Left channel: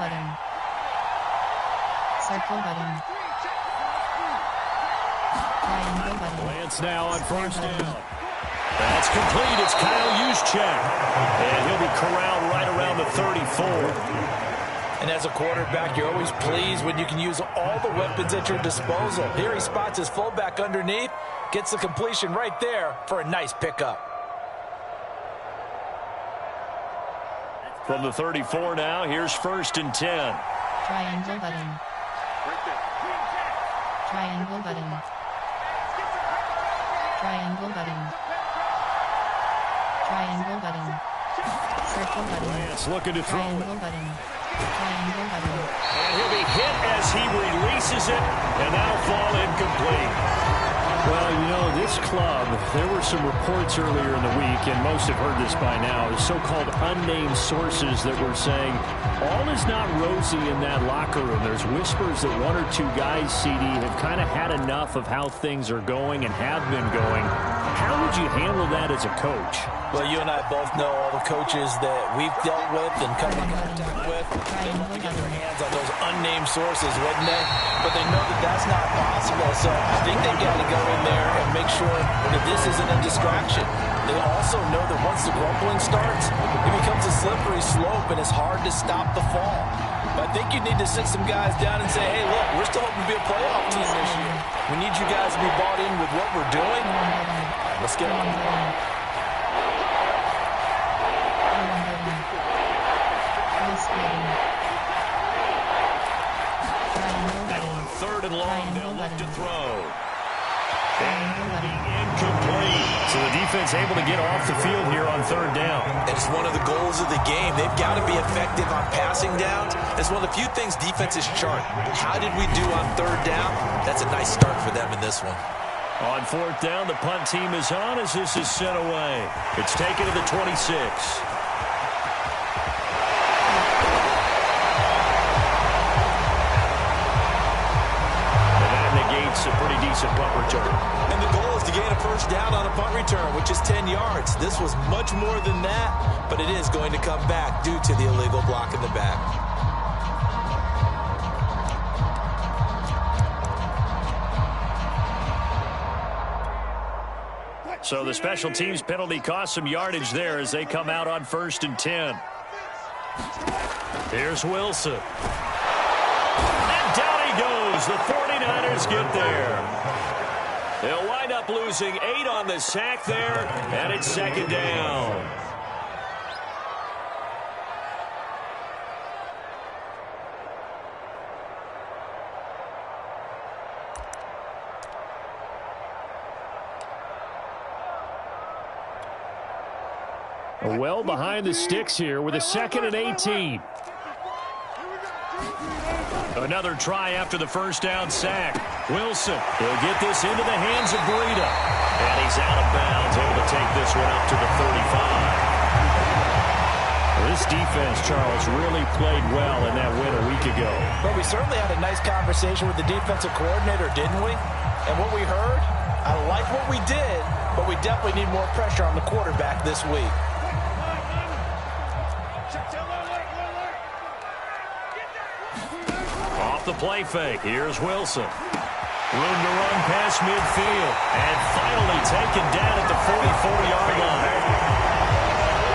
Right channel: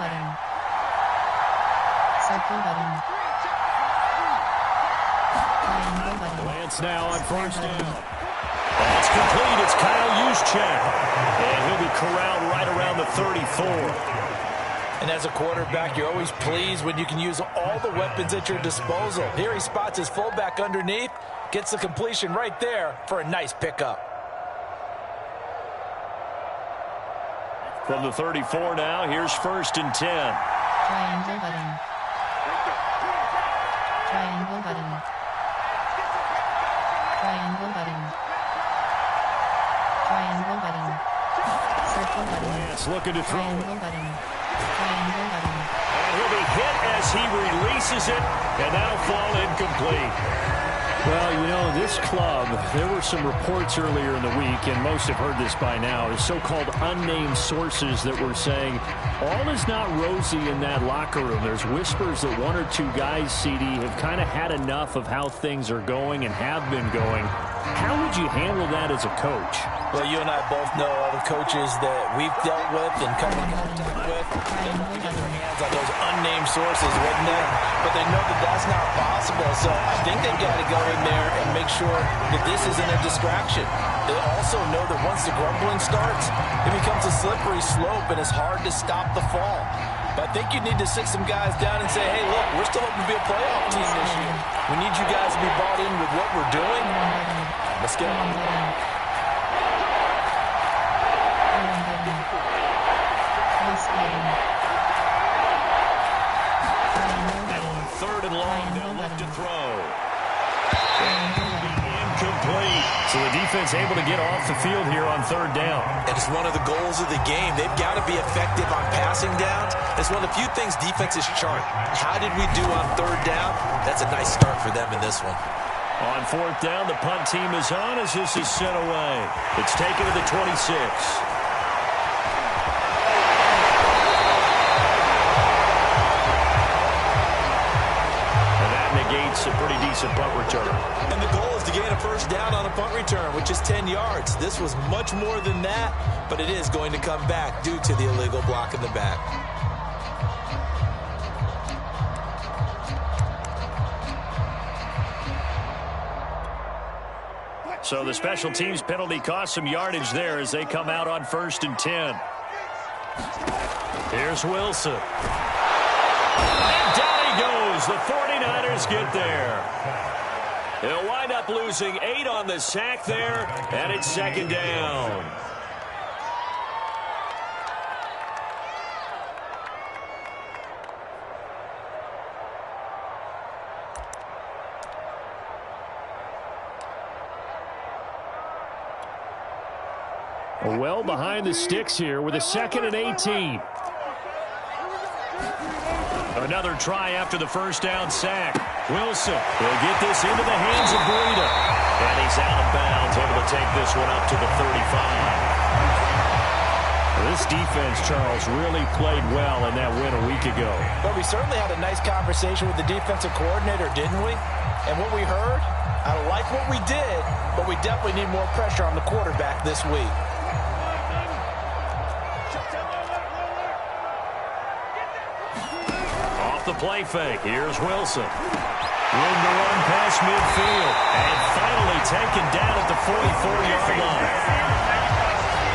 button. Circle button. Triangle button. Lance now on first down. That's complete. It's Kyle Juszczyk. And he'll be corralled right around the 34. And as a quarterback, you're always pleased when you can use all the weapons at your disposal. Here he spots his fullback underneath, gets the completion right there for a nice pickup. From the 34 now, here's 1st and 10. Triangle button. Triangle button. Triangle button. Triangle button. Circle button. Lance looking to throw. Triangle button. Triangle button. And he'll be hit as he releases it, and that'll fall incomplete. Well, you know, this club, there were some reports earlier in the week, and most have heard this by now, is so-called unnamed sources that were saying all is not rosy in that locker room. There's whispers that one or two guys, CD, have kind of had enough of how things are going and have been going. How would you handle that as a coach? Well, you and I both know all the coaches that we've dealt with and come in contact with. They want to get their hands on those unnamed sources, wouldn't they? But they know that that's not possible, so I think they've got to go in there and make sure that this isn't a distraction. They also know that once the grumbling starts, it becomes a slippery slope and it's hard to stop the fall. But I think you need to sit some guys down and say, hey, look, we're still hoping to be a playoff team this year. We need you guys to be bought in with what we're doing. Let's get on. Third and long, they'll look to throw. And it'll be incomplete. So the defense able to get off the field here on 3rd down. And it's one of the goals of the game. They've got to be effective on passing downs. It's one of the few things defenses chart. How did we do on 3rd down? That's a nice start for them in this one. On 4th down, the punt team is on as this is sent away. It's taken to the 26. Negates a pretty decent punt return. And the goal is to gain a 1st down on a punt return, which is 10 yards. This was much more than that, but it is going to come back due to the illegal block in the back. So the special teams penalty cost some yardage there as they come out on 1st and 10. Here's Wilson. And down he goes. The 49ers get there. They'll wind up losing 8 on the sack there, and it's 2nd down. Well behind the sticks here with a 2nd and 18. Another try after the 1st down sack. Wilson, he'll get this into the hands of Breida. And he's out of bounds, able to take this one up to the 35. Well, this defense, Charles, really played well in that win a week ago. But we certainly had a nice conversation with the defensive coordinator, didn't we? And what we heard, I like what we did, but we definitely need more pressure on the quarterback this week. Off the play fake, here's Wilson. Room to run past midfield. And finally taken down at the 44-yard line.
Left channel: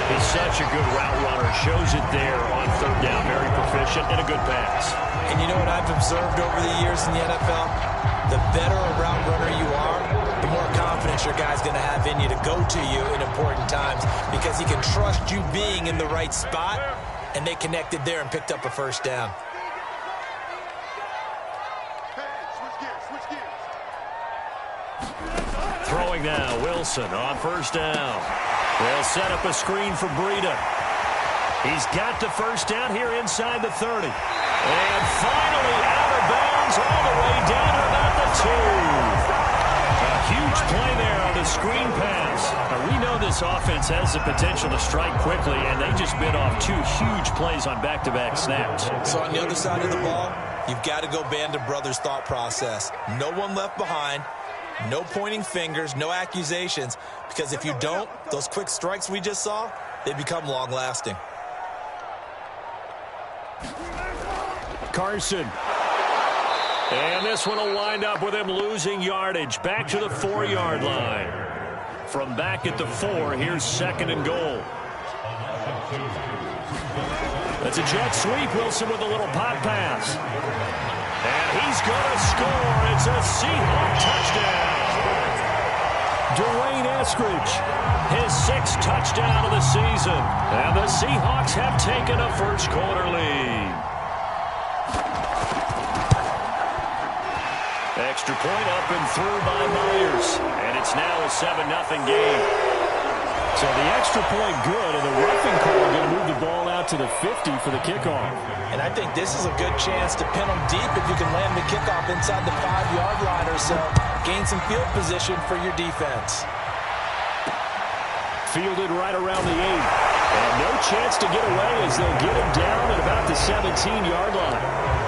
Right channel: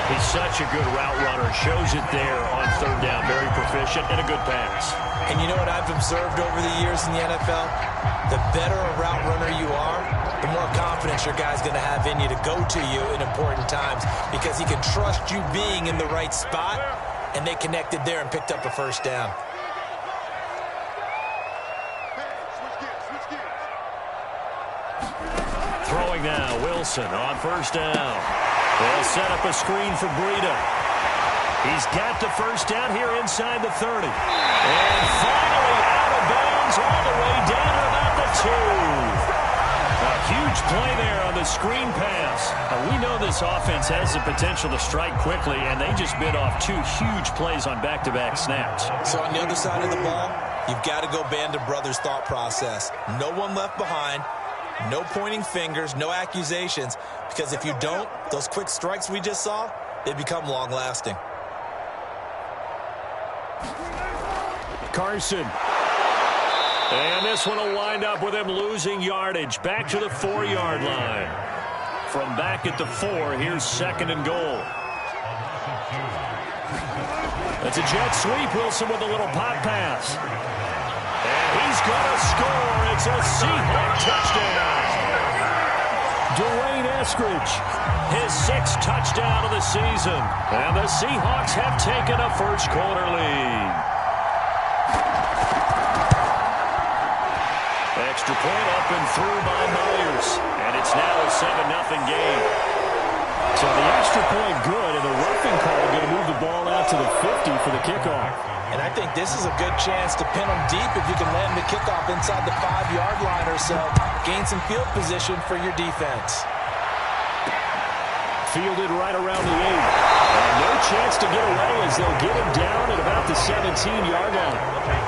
He's such a good route runner. Shows it there on 3rd down. Very proficient and a good pass. And you know what I've observed over the years in the NFL? The better a route runner you are, the more confidence your guy's going to have in you to go to you in important times because he can trust you being in the right spot, and they connected there and picked up a 1st down. Throwing now, Wilson on 1st down. They'll set up a screen for Breida. He's got the 1st down here inside the 30. And finally out of bounds all the way down to about the 2. A huge play there on the screen pass. Now, we know this offense has the potential to strike quickly, and they just bit off 2 huge plays on back-to-back snaps. So on the other side of the ball, you've got to go Band of Brothers thought process. No one left behind. No pointing fingers, no accusations, because if you don't, those quick strikes we just saw, they become long-lasting. Carson. And this one will wind up with him losing yardage. Back to the 4-yard line. From back at the 4, here's 2nd and goal. That's a jet sweep. Wilson with a little pop pass. And he's going to score. It's a Seahawk touchdown. Dwayne Eskridge, his 6th touchdown of the season. And the Seahawks have taken a first-quarter lead. Extra point up and through by Myers. And it's now a 7-0 game. So the extra point good, and the roughing call going to move the ball out to the 50 for the kickoff. And I think this is a good chance to pin them deep if you can land the kickoff inside the 5-yard line or so. Gain some field position for your defense. Fielded right around the 8. And no chance to get away as they'll get him down at about the 17-yard line.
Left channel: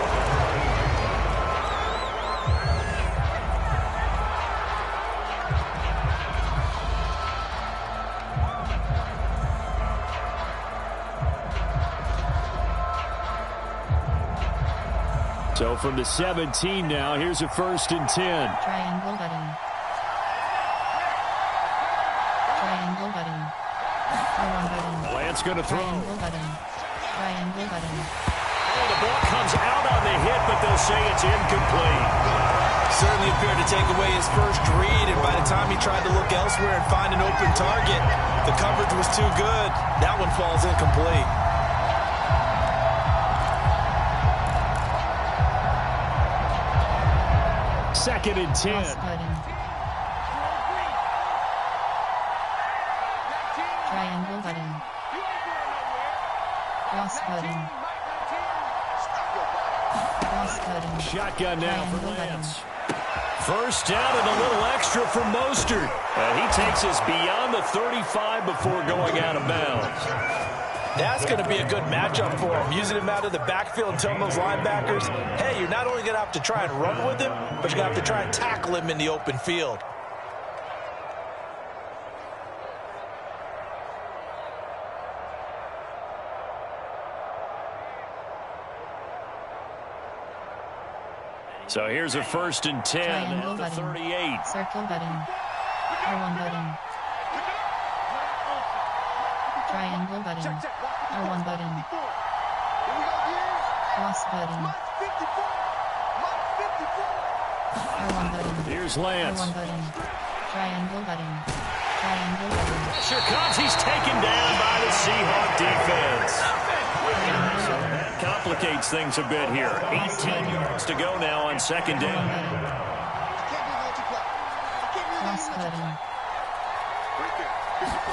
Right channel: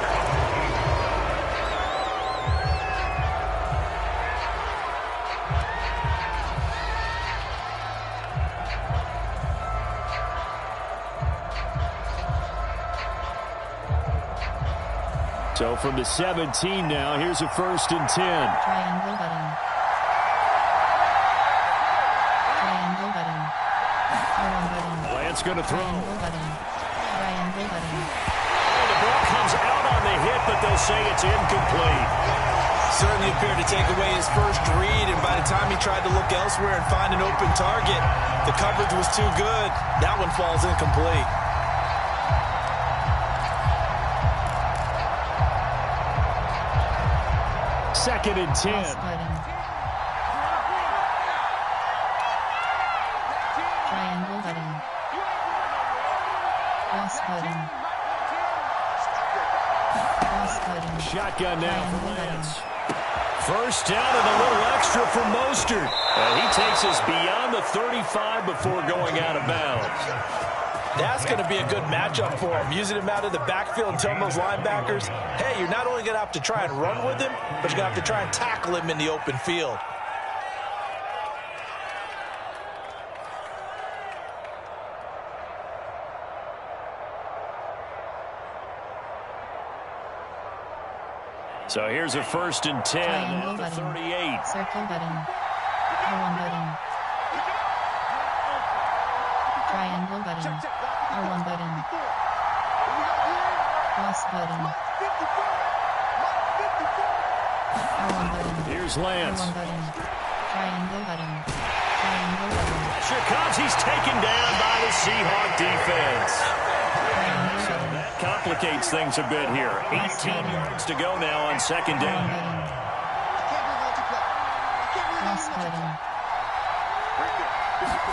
So from the 17 now, here's a 1st and 10. Triangle button. Triangle button. R1 button. Lance going to throw. Triangle button. Triangle button. Oh, the ball comes out on the hit, but they'll say it's incomplete. Certainly appeared to take away his first read, and by the time he tried to look elsewhere and find an open target, the coverage was too good. That one falls incomplete. Second and 10. Cross button. Triangle button. Cross button. Cross button. Shotgun now for Triangle button. Lance. First down and a little extra for Mostert. And he takes us beyond the 35 before going out of bounds. That's going to be a good matchup for him. Using him out of the backfield and telling those linebackers, hey, you're not only going to have to try and run with him, but you're going to have to try and tackle him in the open field. So here's a 1st and 10 Triangle at the button. 38. Circle button. R1 button. Triangle button. R1 button. Cross button. R1 button. Here's Lance. R1 button. Triangle button. Triangle button. Pressure comes. He's taken down by the Seahawk defense. Triangle button. That complicates things a bit here. 18 yards to go now on 2nd R1 down. button. Cross button.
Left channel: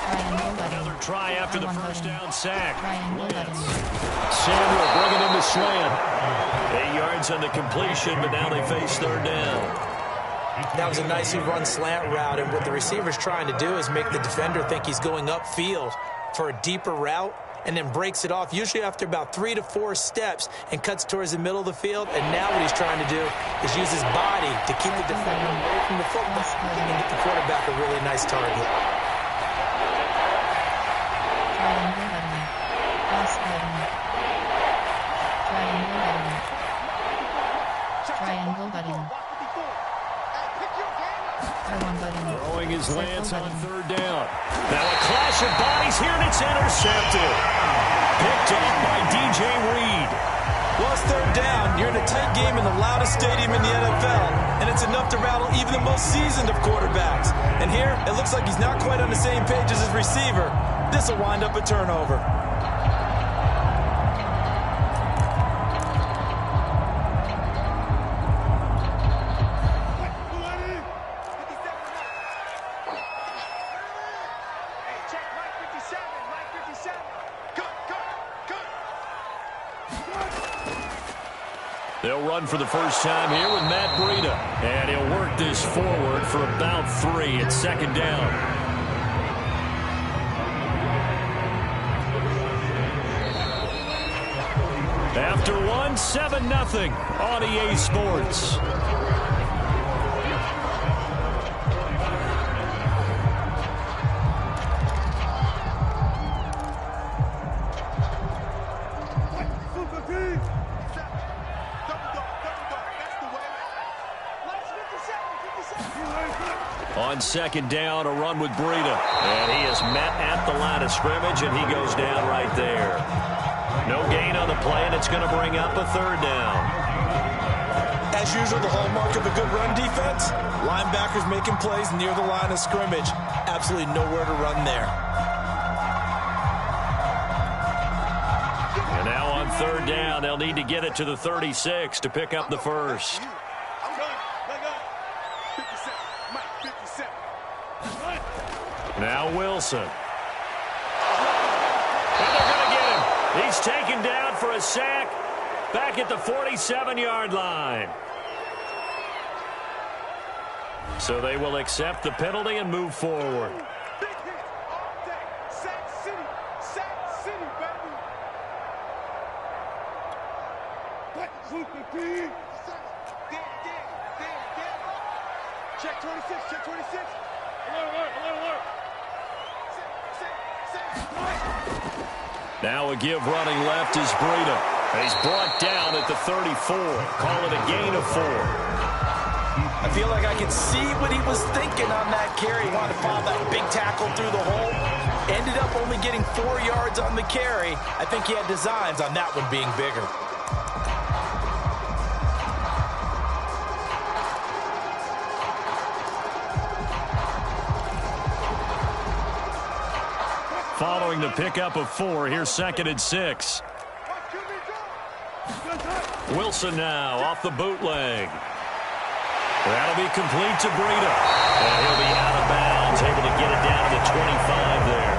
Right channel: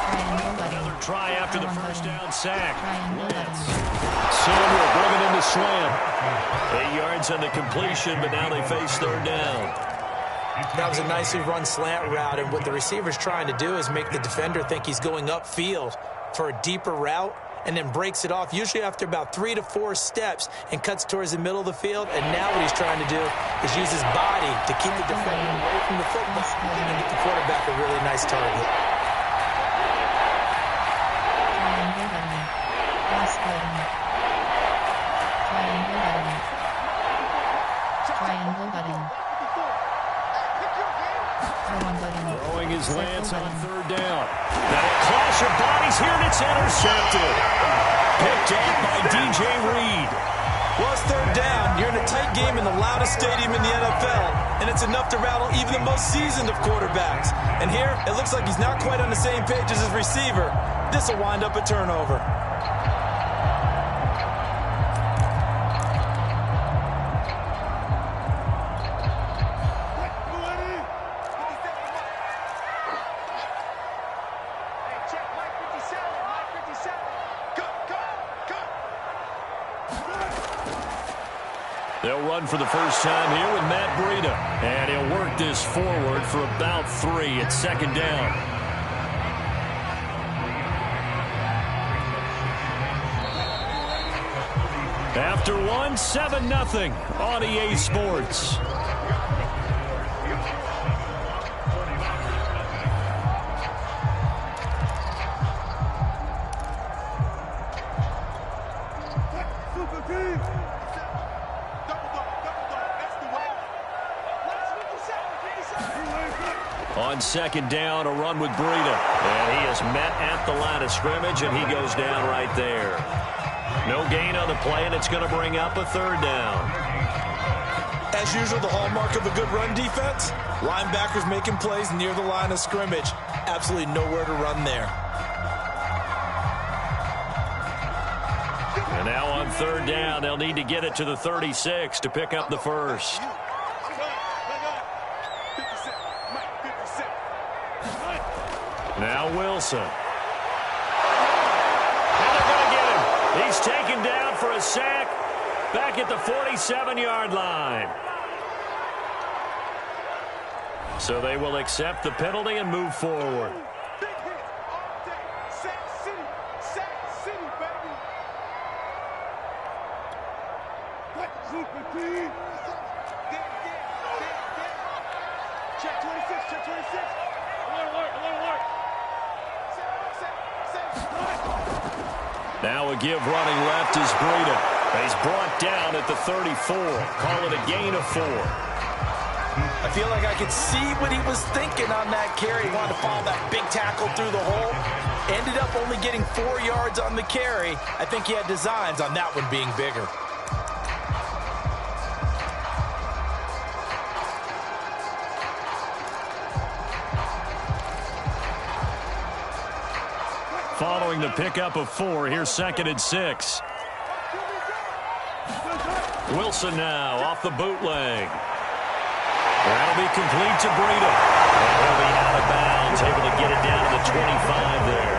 Triangle button. Another try after the R1 first button. down sack. Triangle button. Samuel bringing in the slant. 8 yards on the completion, but now they face 3rd down. That was a nicely run slant route, and what the receiver's trying to do is make the defender think he's going upfield for a deeper route, and then breaks it off, usually after about 3 to 4 steps, and cuts towards the middle of the field. And now what he's trying to do is use his body to keep the defender away from the football and get the quarterback a really nice target. Triangle button. Cross button. Triangle button. Triangle button. R1 button. Throwing his Circle Lance on button. 3rd down. Now a clash of bodies here, and it's intercepted. Picked off by DJ Reed. Well, it's 3rd down. You're in a tight game in the loudest stadium in the NFL, and it's enough to rattle even the most seasoned of quarterbacks. And here, it looks like he's not quite on the same page as his receiver. This will wind up a turnover. They'll run for the first time here with Matt Breida. And he'll work this forward for about 3 at 2nd down. After 1, 7-0 on EA Sports. On second down, a run with Breida. And he is met at the line of scrimmage, and he goes down right there. No gain on the play, and it's going to bring up a third down. As usual, the hallmark of a good run defense, linebackers making plays near the line of scrimmage. Absolutely nowhere to run there. And now on third down, they'll need to get it to the 36 to pick up the first. Now Wilson. And they're going to get him. He's taken down for a sack back at the 47-yard line. So they will accept the penalty and move forward. Big hit all day. Sack City. Sack City, baby. Check 26. Check 26. Alert. Now a give running left is Breida. He's brought down at the 34. Call it a gain of 4. I feel like I could see what he was thinking on that carry. He wanted to follow that big tackle through the hole. Ended up only getting 4 yards on the carry. I think he had designs on that one being bigger. Following the pickup of 4, here's 2nd and 6. Wilson now off the bootleg. That'll be complete to Breida. And he'll be out of bounds, able to get it down to the 25 there.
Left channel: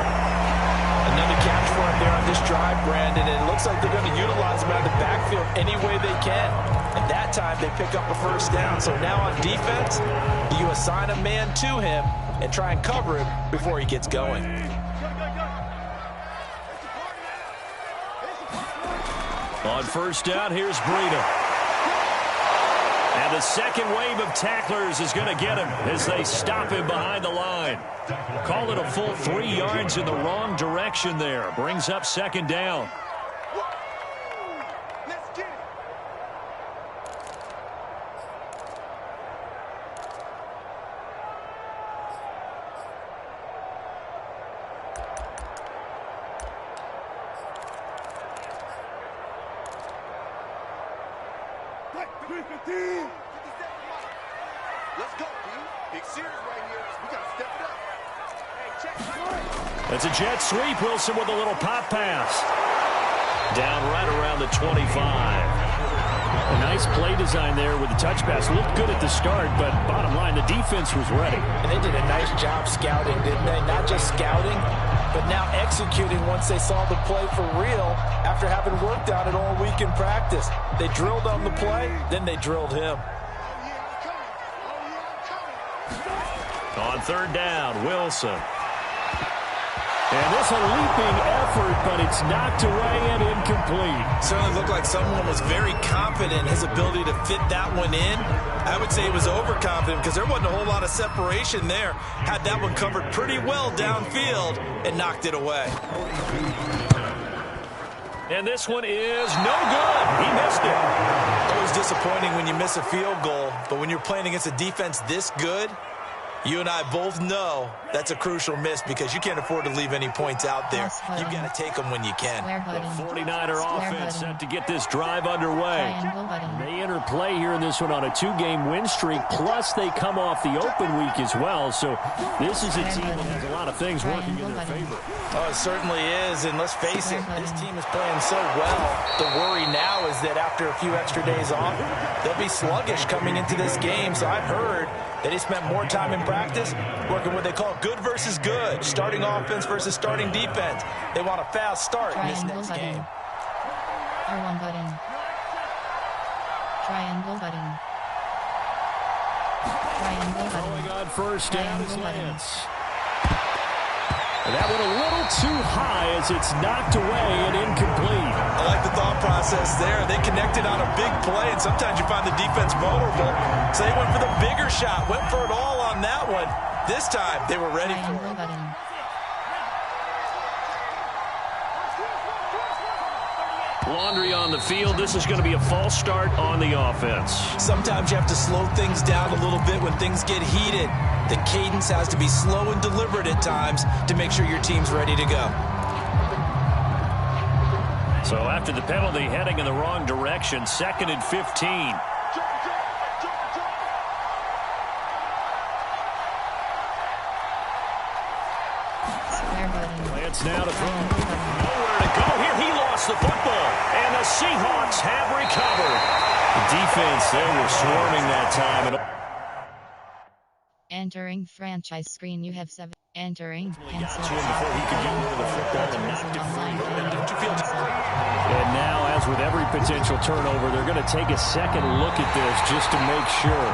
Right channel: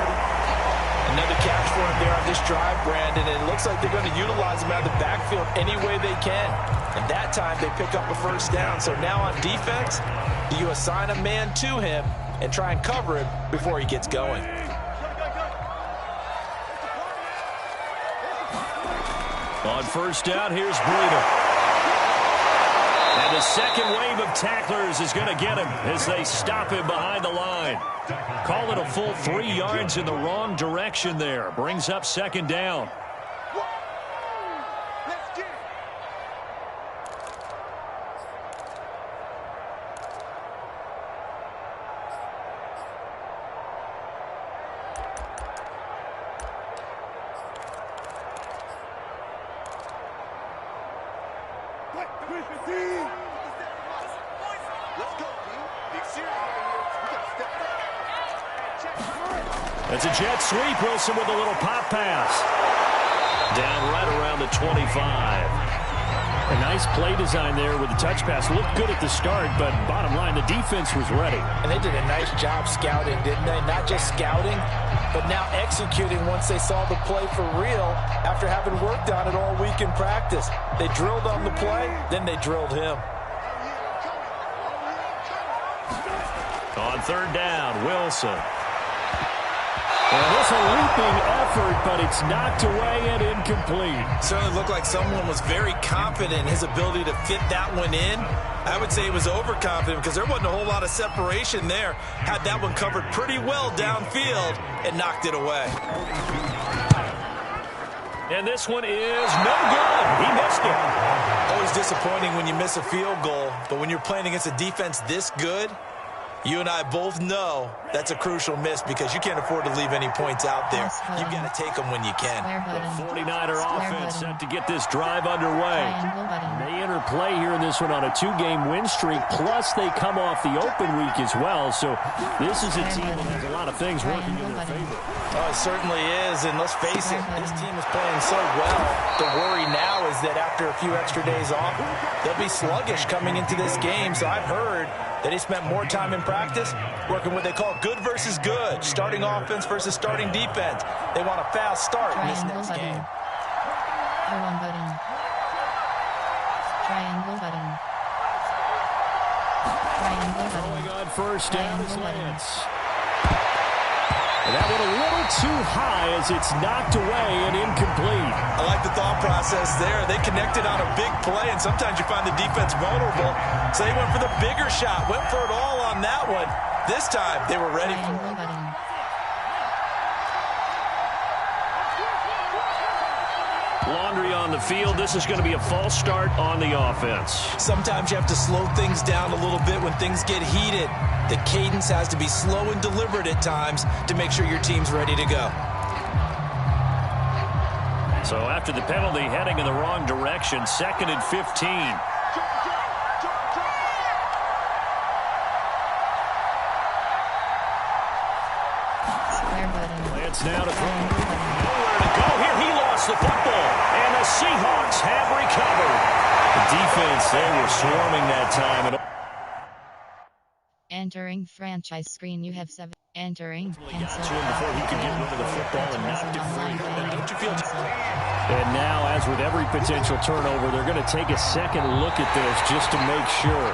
Another catch for him there on this drive, Brandon. And it looks like they're going to utilize him out of the backfield any way they can. And that time they pick up a first down. So now on defense, do you assign a man to him and try and cover him before he gets going? On first down, here's Breida. And the second wave of tacklers is going to get him as they stop him behind the line. Call it a full 3 yards in the wrong direction there. Brings up 2nd down. Let's get it. Let's go, D. Big series right here. We got to step it up. Hey, check. That's a jet sweep. Wilson with a little pop pass. Down right around the 25. A nice play design there with the touch pass. Looked good at the start, but bottom line, the defense was ready. And they did a nice job scouting, didn't they? Not just scouting, but now executing once they saw the play for real after having worked on it all week in practice. They drilled on the play, then they drilled him. On third down, Wilson. And this a leaping effort, but it's knocked away and incomplete. Certainly looked like someone was very confident in his ability to fit that one in. I would say he was overconfident because there wasn't a whole lot of separation there. Had that one covered pretty well downfield and knocked it away. And this one is no good. He missed it. Always disappointing when you miss a field goal, but when you're playing against a defense this good, you and I both know that's a crucial miss because you can't afford to leave any points out there. You've got to take them when you can. The 49er offense set to get this drive underway. They enter play here in this one on a 2-game win streak, plus they come off the open week as well. So this is a team that has a lot of things working in their favor. Oh, it certainly is, and let's face it, this team is playing so well. The worry now is that after a few extra days off, they'll be sluggish coming into this game. So I've heard that he spent more time in practice working what they call good versus good, starting offense versus starting defense. They want a fast start in this next game. R1 button. Triangle button. Triangle button. Going on first down is Lance. That one a little too high as it's knocked away and incomplete. I like the thought process there. They connected on a big play, and sometimes you find the defense vulnerable. So they went for the bigger shot, went for it all on that one. This time, they were ready for it. Laundry on the field. This is going to be a false start on the offense. Sometimes you have to slow things down a little bit when things get heated. The cadence has to be slow and deliberate at times to make sure your team's ready to go. So after the penalty, heading in the wrong direction, 2nd and 15. Lance now to throw. Nowhere to go here. He lost the football. And the Seahawks have recovered. The defense, they were swarming that time. Entering franchise screen, you have 7. Entering. Cancel. Got to him before he could get rid of the football and knocked it free. And don't you feel And now, as with every potential turnover, they're going to take a second look at this just to make sure.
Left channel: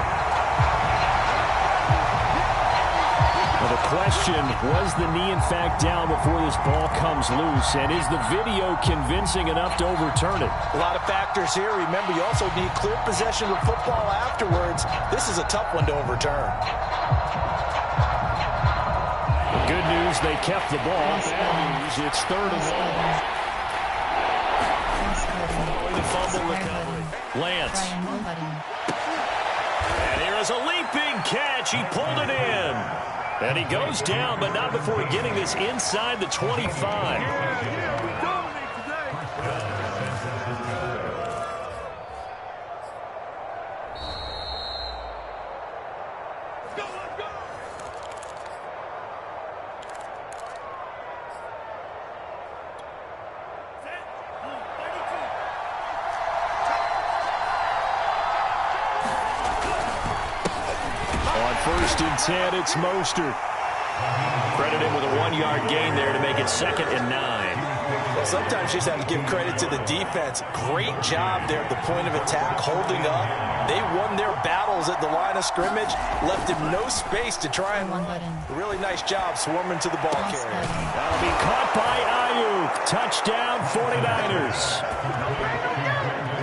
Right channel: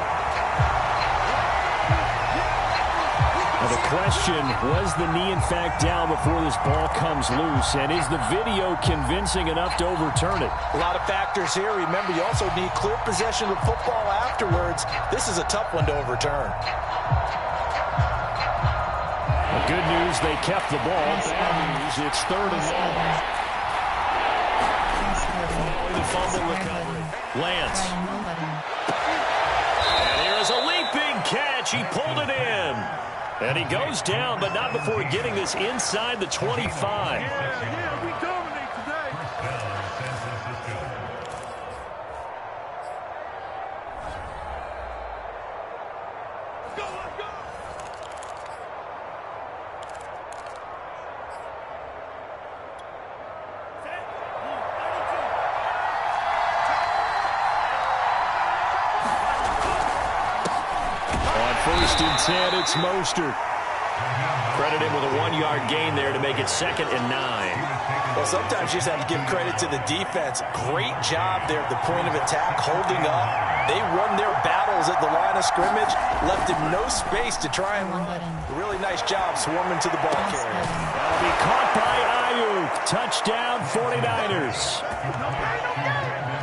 Now the question, was the knee in fact down before this ball comes loose? And is the video convincing enough to overturn it? A lot of factors here. Remember, you also need clear possession of football afterwards. This is a tough one to overturn. The good news, they kept the ball. Bad news, it's 3rd and long. Following the fumble recovery. Lance. And here is a leaping catch. He pulled it in. And he goes down, but not before getting this inside the 25. Yeah, we dominate today. Let's go, let's go. Set. 32. On 1st and 10, it's Mostert. Credit him with a 1-yard gain there to make it 2nd and 9. Well, sometimes you just have to give credit to the defense. Great job there at the point of attack, holding up. They won their battles at the line of scrimmage, left him no space to try and run. Really nice job swarming to the ball carrier. That'll be caught by Ayuk. Touchdown, 49ers.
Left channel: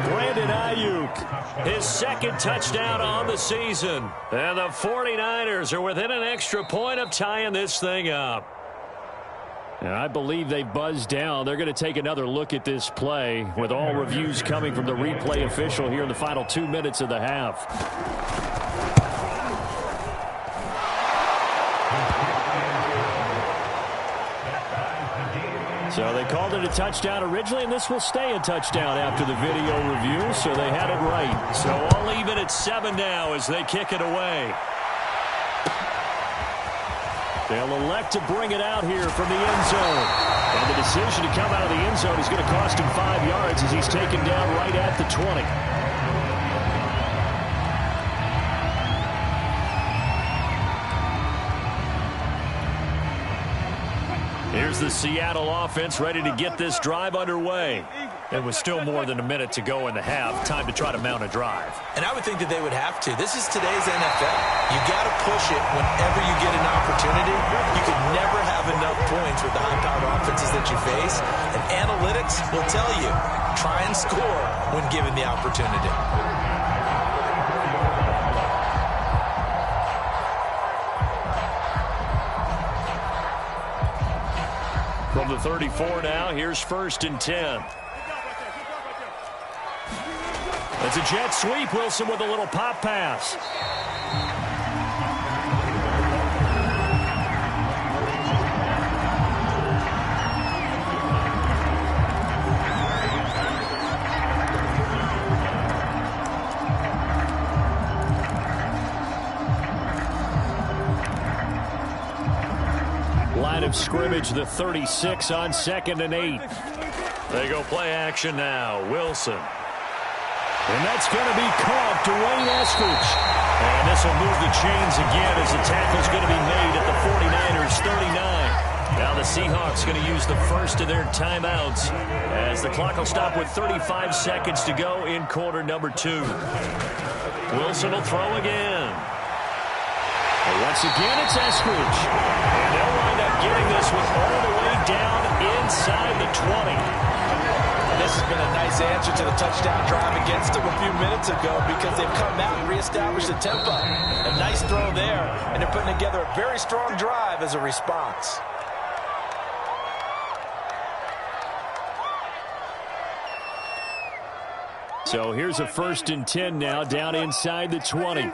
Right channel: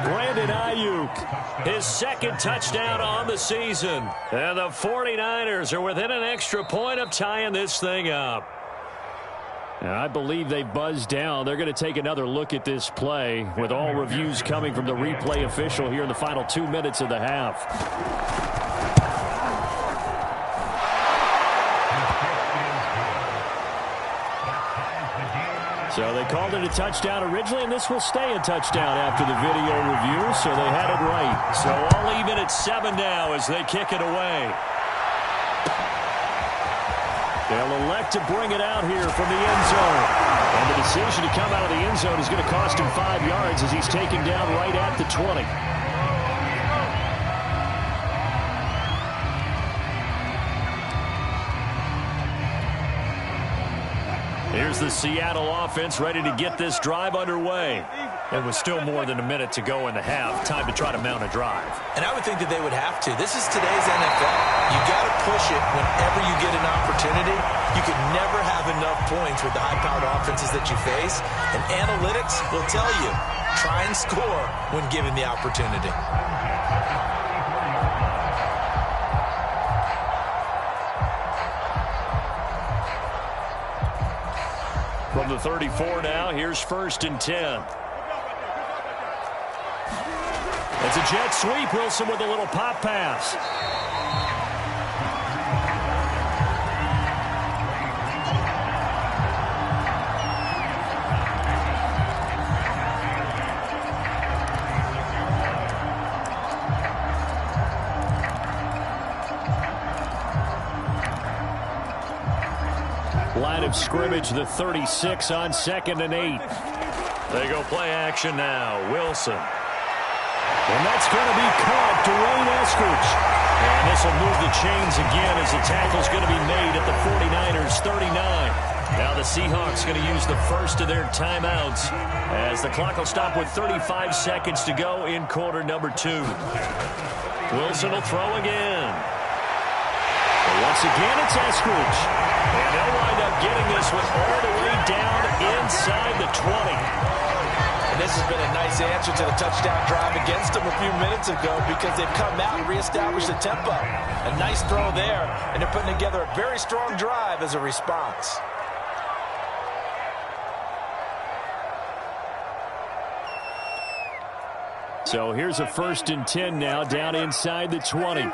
Brandon Ayuk, his 2nd touchdown on the season. And the 49ers are within an extra point of tying this thing up. And I believe they buzzed down. They're going to take another look at this play with all reviews coming from the replay official here in the final 2 minutes of the half. So they called it a touchdown originally, and this will stay a touchdown after the video review, so they had it right. So all even at 7 now as they kick it away. They'll elect to bring it out here from the end zone. And the decision to come out of the end zone is going to cost him 5 yards as he's taken down right at the 20. Here's the Seattle offense ready to get this drive underway. And with still more than a minute to go in the half, time to try to mount a drive. And I would think that they would have to. This is today's NFL. You got to push it whenever you get an opportunity. You could never have enough points with the high-powered offenses that you face. And analytics will tell you, try and score when given the opportunity. From the 34 now, here's 1st and 10. It's a jet sweep. Wilson with a little pop pass. Line of scrimmage, the 36 on 2nd and 8. They go play action now. Wilson. And that's going to be caught. Dwayne Eskridge. And this will move the chains again as the tackle's going to be made at the 49ers 39. Now the Seahawks going to use the first of their timeouts as the clock will stop with 35 seconds to go in quarter number 2. Wilson will throw again. And once again, it's Eskridge. And they'll wind up getting this one all the way down inside the 20. And this has been a nice answer to the touchdown drive against them a few minutes ago because they've come out and reestablished the tempo. A nice throw there, and they're putting together a very strong drive as a response. So here's a 1st and 10 now, down inside the 20.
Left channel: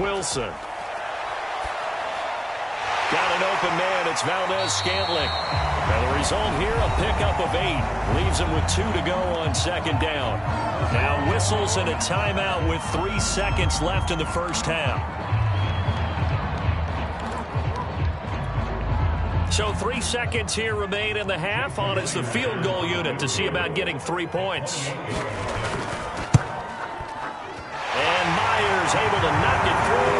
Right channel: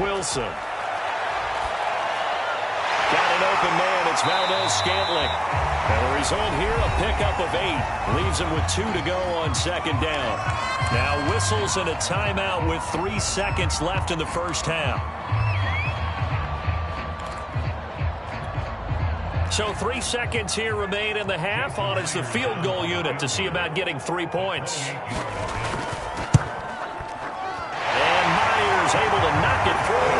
Wilson. Got an open man. It's Valdez-Scantling. And the result here, a pickup of 8. Leaves him with 2 to go on 2nd down. Now whistles and a timeout with 3 seconds left in the first half. So 3 seconds here remain in the half. On is the field goal unit to see about getting 3 points. And Myers able to knock it through,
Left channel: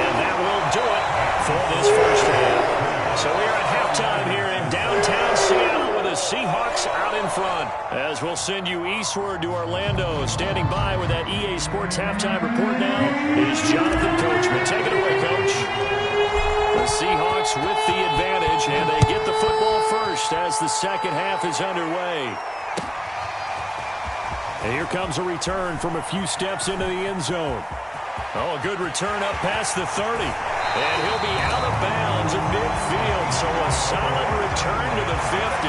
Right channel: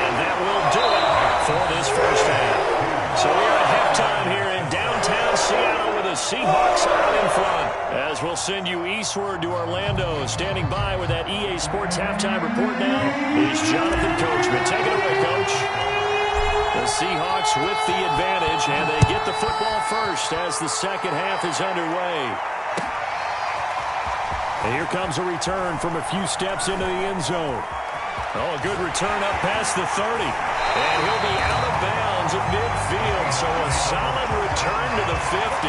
and that will do it for this first half. So we are at halftime here in downtown Seattle with the Seahawks out in front. As we'll send you eastward to Orlando. Standing by with that EA Sports halftime report now is Jonathan Coachman. Take it away, Coach. The Seahawks with the advantage, and they get the football first as the second half is underway. And here comes a return from a few steps into the end zone. Oh, a good return up past the 30. And he'll be out of bounds at midfield, so a solid return to the 50.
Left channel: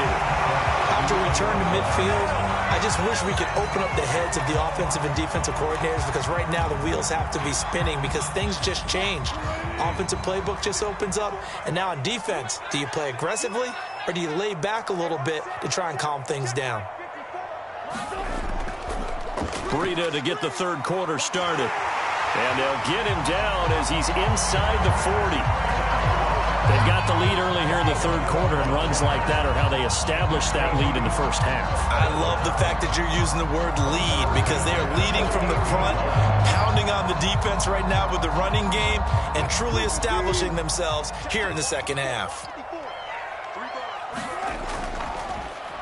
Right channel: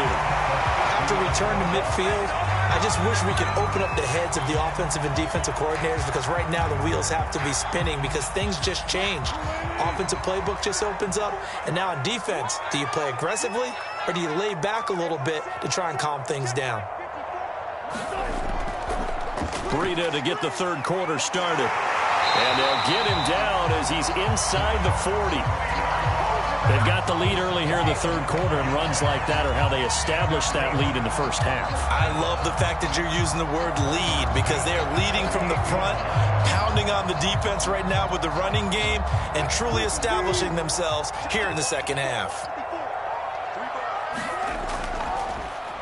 After return to midfield, I just wish we could open up the heads of the offensive and defensive coordinators, because right now the wheels have to be spinning because things just changed. Offensive playbook just opens up, and now on defense, do you play aggressively or do you lay back a little bit to try and calm things down? Breida to get the third quarter started. And they'll get him down as he's inside the 40. They've got the lead early here in the third quarter, and runs like that are how they established that lead in the first half. I love the fact that you're using the word lead, because they are leading from the front, pounding on the defense right now with the running game, and truly establishing themselves here in the second half.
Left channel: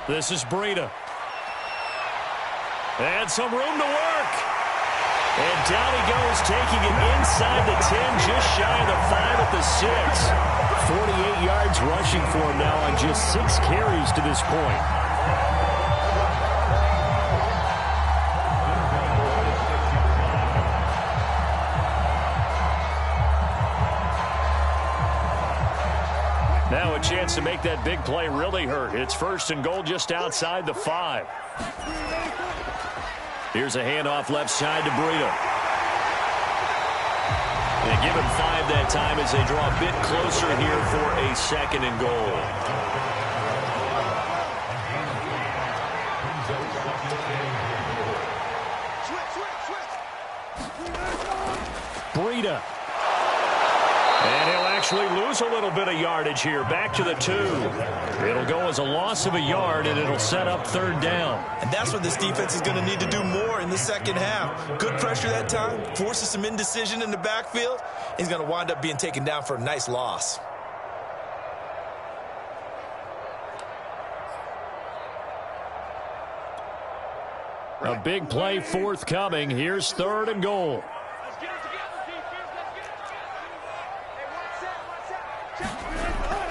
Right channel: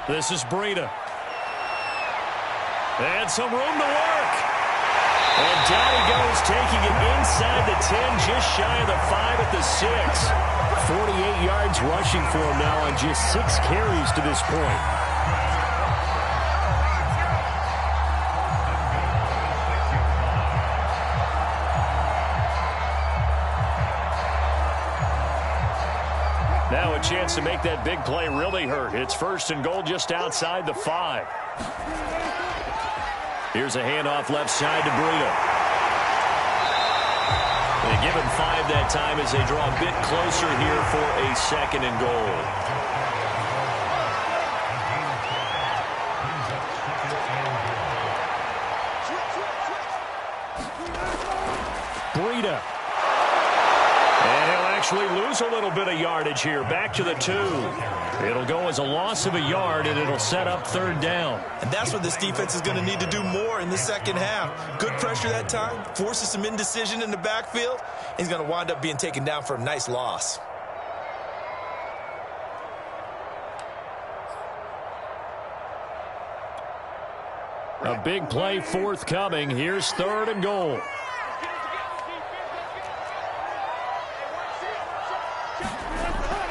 This is Breida. And some room to work. And down he goes, taking it inside the 10, just shy of the 5 at the 6. 48 yards rushing for him now on just 6 carries to this point. Now a chance to make that big play really hurt. It's 1st and goal just outside the 5. Here's a handoff left side to Breida. They give him 5 that time as they draw a bit closer here for a 2nd and goal. Breida. And he'll actually lose a little bit of yardage here. Back to the 2. It'll go as a loss of a yard, and it'll set up 3rd down. And that's what this defense is going to need to do more in the second half. Good pressure that time, forces some indecision in the backfield. He's going to wind up being taken down for a nice loss. A big play forthcoming. Here's 3rd and goal.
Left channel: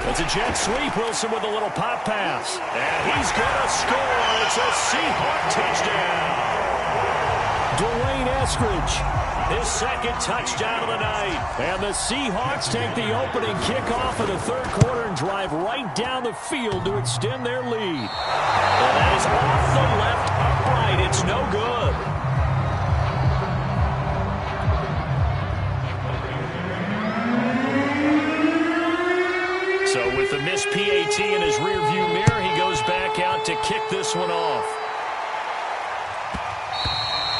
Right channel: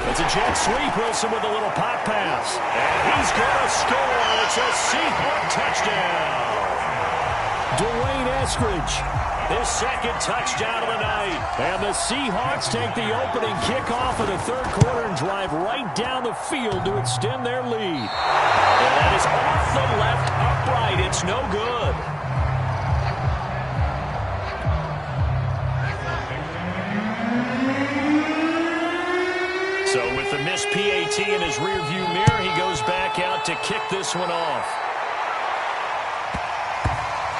It's a jet sweep. Wilson with a little pop pass. And he's going to score. It's a Seahawk touchdown. Dwayne Eskridge, his 2nd touchdown of the night. And the Seahawks take the opening kickoff of the 3rd quarter and drive right down the field to extend their lead. And that is off the left upright. It's no good. So with the missed PAT in his rearview mirror, he goes back out to kick this one off.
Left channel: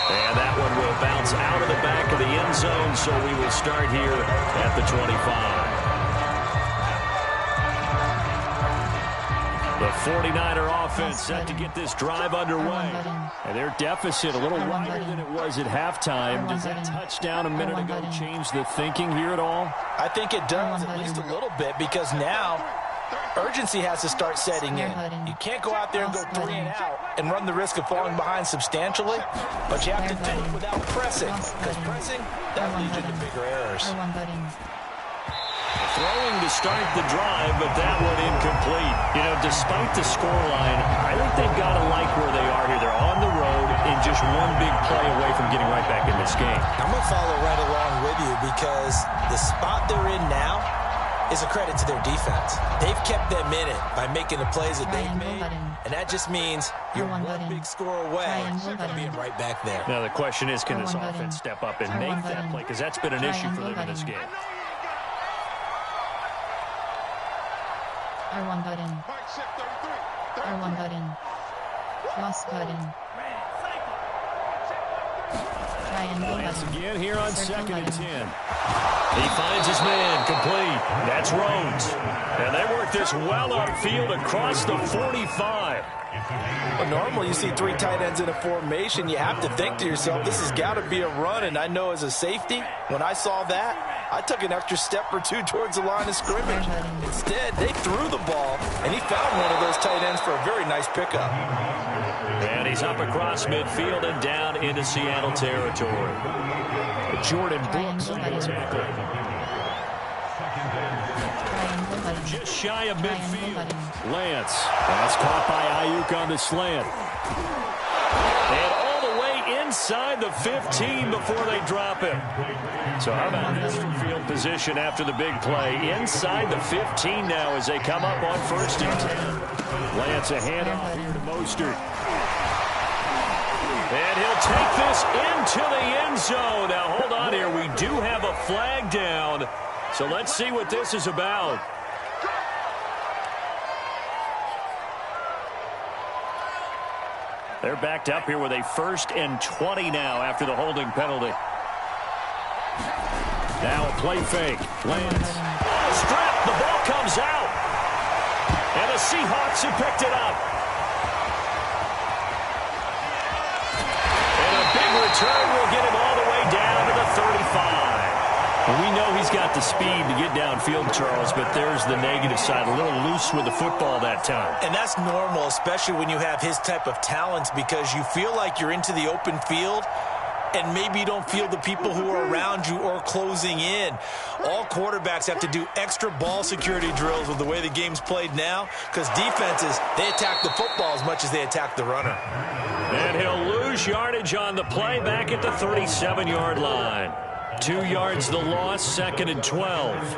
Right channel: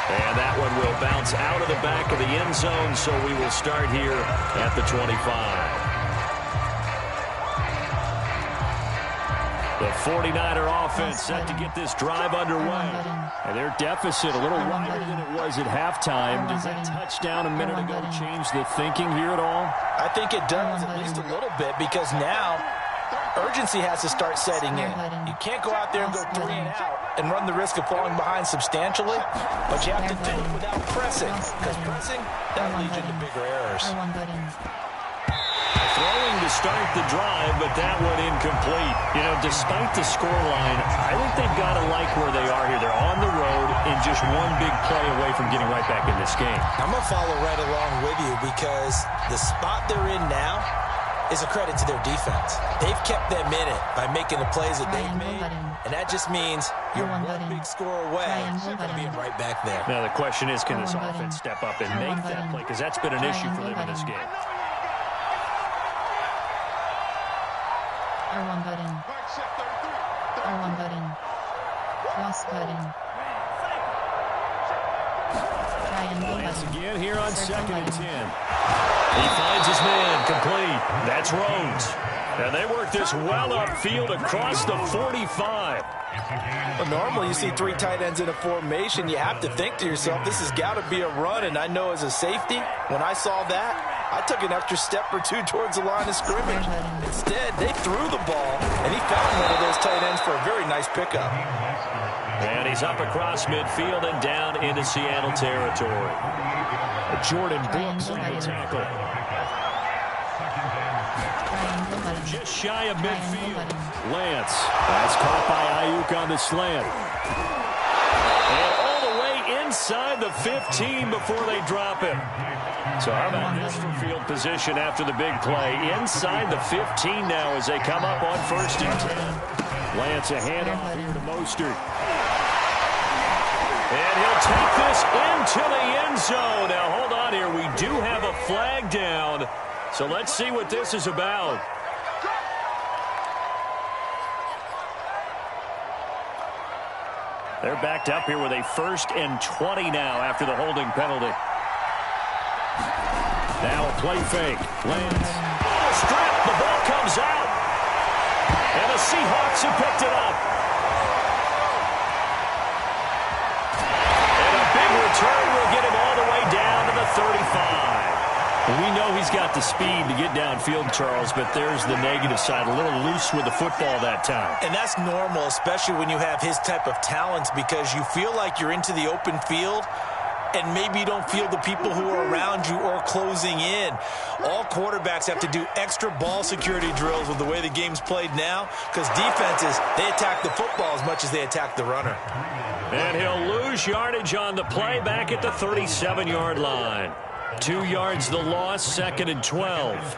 And that one will bounce out of the back of the end zone, so we will start here at the 25. The 49er offense set to get this drive underway. And their deficit a little wider than it was at halftime. Does that touchdown a minute ago change the thinking here at all? I think it does, at least a little bit, because now urgency has to start setting in. You can't go out there and go 3 and out and run the risk of falling behind substantially, but you have to do it without pressing, because pressing, that leads you to bigger errors. Throwing to start the drive, but that one incomplete. You know, despite the scoreline, I think they've got to like where they are here. They're on the road and just one big play away from getting right back in this game. I'm going to follow right along with you, because the spot they're in now, is a credit to their defense. They've kept them in it by making the plays that they've made, and that just means you're one big score away from being right back there. Now the question is, can this offense step up and make that play? Because that's been an issue for them in this game. R1 button. R1 button. Cross button. Triangle button. Again here on second and 10. He finds his man, complete. That's Rhodes. And they work this well upfield across the 45. Well, normally you see 3 tight ends in a formation. You have to think to yourself, this has got to be a run. And I know as a safety, when I saw that, I took an extra step or 2 towards the line of scrimmage. Instead, they threw the ball, and he found one of those tight ends for a very nice pickup. And he's up across midfield and down into Seattle territory. Jordan Brooks on the tackle. Just shy of midfield. Lance. That's caught by Ayuk on the slant. And all the way inside the 15 before they drop him. So how about this for field position after the big play? Inside the 15 now as they come up on 1st and 10. Lance a handoff here to Mostert. And he'll take this into the end zone. Now, hold on here. We do have a flag down. So let's see what this is about. They're backed up here with a 1st and 20 now after the holding penalty. Now a play fake. Lance. On a strip. The ball comes out. And the Seahawks have picked it up. And a big return will get him all the way down to the 35. Well, we know he's got the speed to get downfield, Charles, but there's the negative side. A little loose with the football that time. And that's normal, especially when you have his type of talents, because you feel like you're into the open field, and maybe you don't feel the people who are around you or closing in. All quarterbacks have to do extra ball security drills with the way the game's played now, because defenses, they attack the football as much as they attack the runner. And he'll lose yardage on the play back at the 37-yard line. 2 yards the loss, 2nd and 12.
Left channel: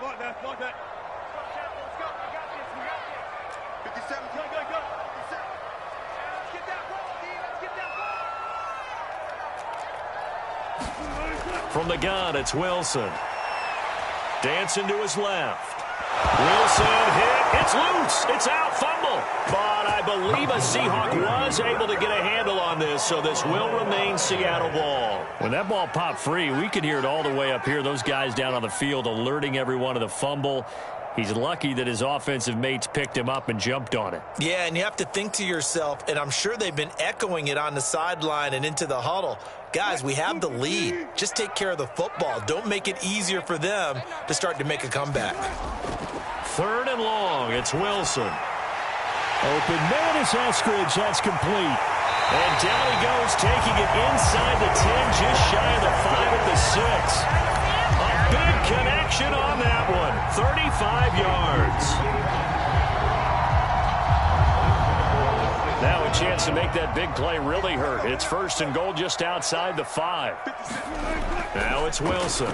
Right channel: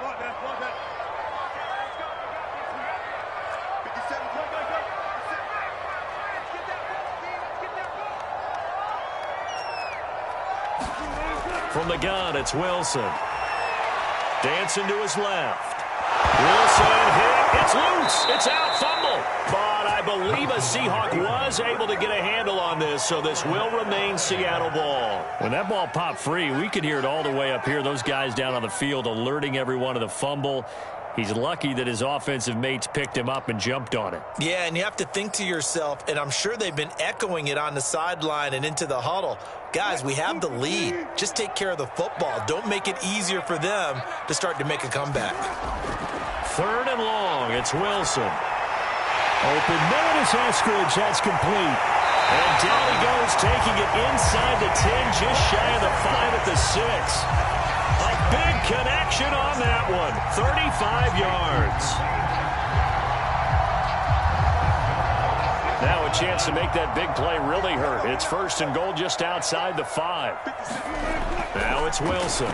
Block that, block that. Let's go, we got this, we got this. 57, go, go, go. 57. Let's get that ball, D, let's get that ball. From the gun, it's Wilson. Dancing to his left. Wilson hit. It's loose. It's out. Fumble. But I believe a Seahawk was able to get a handle on this, so this will remain Seattle ball. When that ball popped free, we could hear it all the way up here. Those guys down on the field alerting everyone of the fumble. He's lucky that his offensive mates picked him up and jumped on it. Yeah, and you have to think to yourself, and I'm sure they've been echoing it on the sideline and into the huddle. Guys, we have the lead. Just take care of the football. Don't make it easier for them to start to make a comeback. 3rd and long. It's Wilson. Open man is Eskridge. That's complete. And down he goes, taking it inside the 10, just shy of the 5 at the 6. A big connection on that one. 35 yards. Now a chance to make that big play really hurt. It's 1st and goal just outside the 5. Now it's Wilson.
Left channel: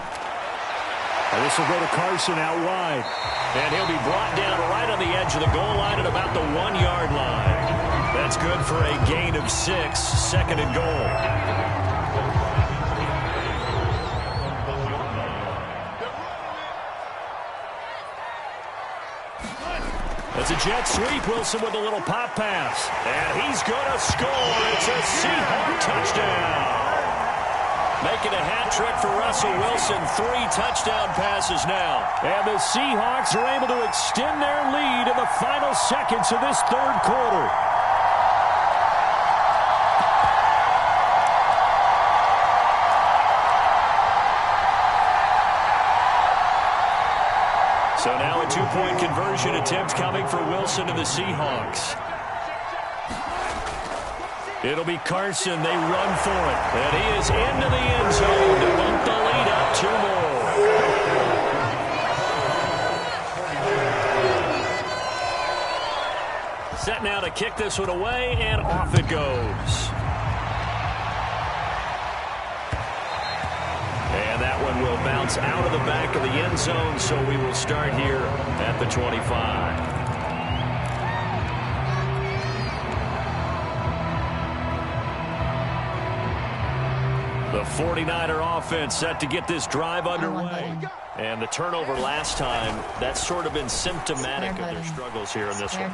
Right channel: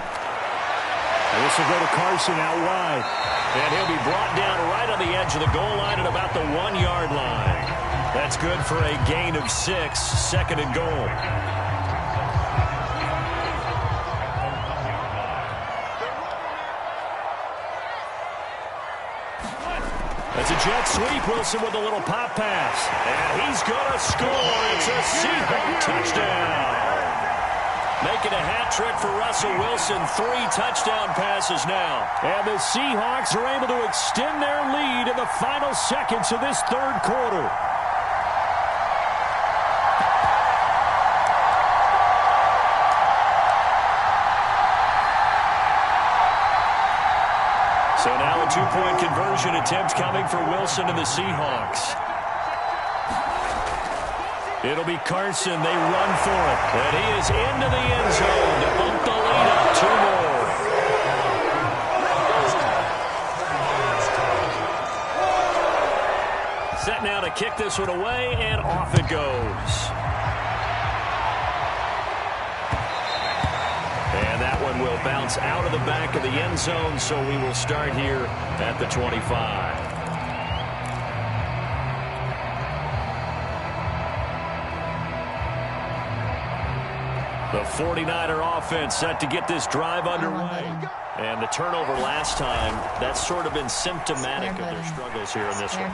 And this will go to Carson out wide. And he'll be brought down right on the edge of the goal line at about the 1-yard line. That's good for a gain of 6, 2nd and goal. That's a jet sweep. Wilson with a little pop pass. And he's going to score. It's a Seahawk touchdown. Making a hat trick for Russell Wilson. 3 touchdown passes now. And the Seahawks are able to extend their lead in the final seconds of this 3rd quarter. So now a 2-point conversion attempt coming for Wilson and the Seahawks. It'll be Carson. They run for it. And he is into the end zone to bump the lead up 2 more. Set now to kick this one away, and off it goes. And that one will bounce out of the back of the end zone, so we will start here at the 25. The 49er offense set to get this drive underway. And the turnover last time, that's sort of been symptomatic of their struggles here in this one.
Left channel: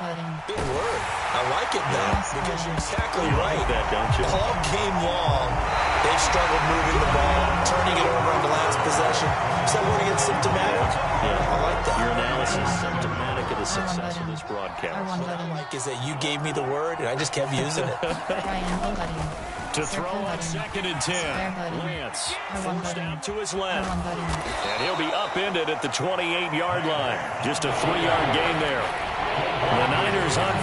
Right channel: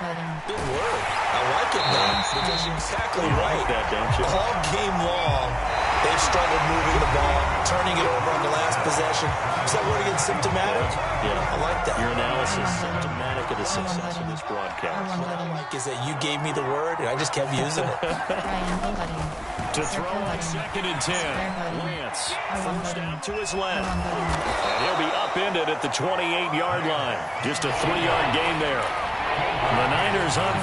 Good word. I like it now because you're exactly right. You like that, don't you? All game long, they've struggled moving the ball, turning it over on the last possession. Is that word again, symptomatic? Yeah. I like that. Your analysis is symptomatic of the success of this broadcast. What I like is that you gave me the word, and I just kept using it. To throw on 2nd and 10. Lance forced out to his left. And he'll be upended at the 28-yard line. Just a 3-yard gain there. The Niners on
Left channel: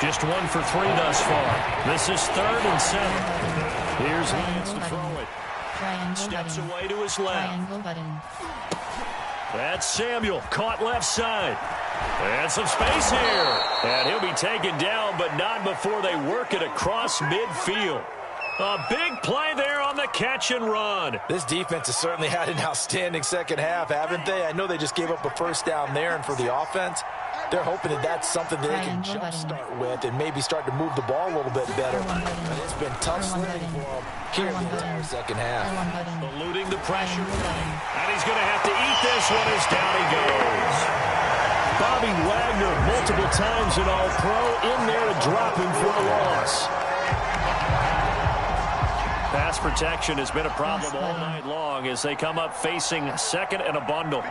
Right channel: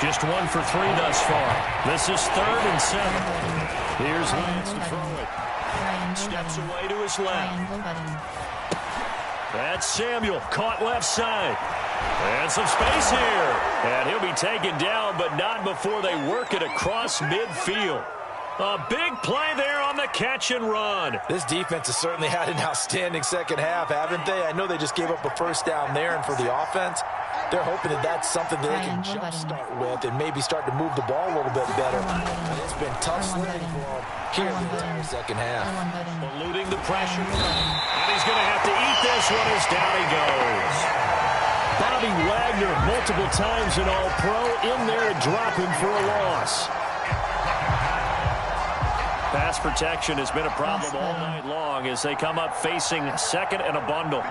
just 1 for 3 thus far. This is 3rd and 7. Here's Lance to throw it. Steps away to his left. That's Samuel, caught left side. And some space here. And he'll be taken down, but not before they work it across midfield. A big play there on the catch and run. This defense has certainly had an outstanding second half, haven't they? I know they just gave up a first down there, and for the offense, they're hoping that that's something that they can jumpstart with and maybe start to move the ball a little bit better. But it's been tough sledding for them here in the entire second half. Eluding the pressure. And he's going to have to eat this one as down he goes. Bobby Wagner, multiple times an All-Pro, in there to drop him for a loss. Pass protection has been a problem all night long as they come up facing 2nd and a bundle.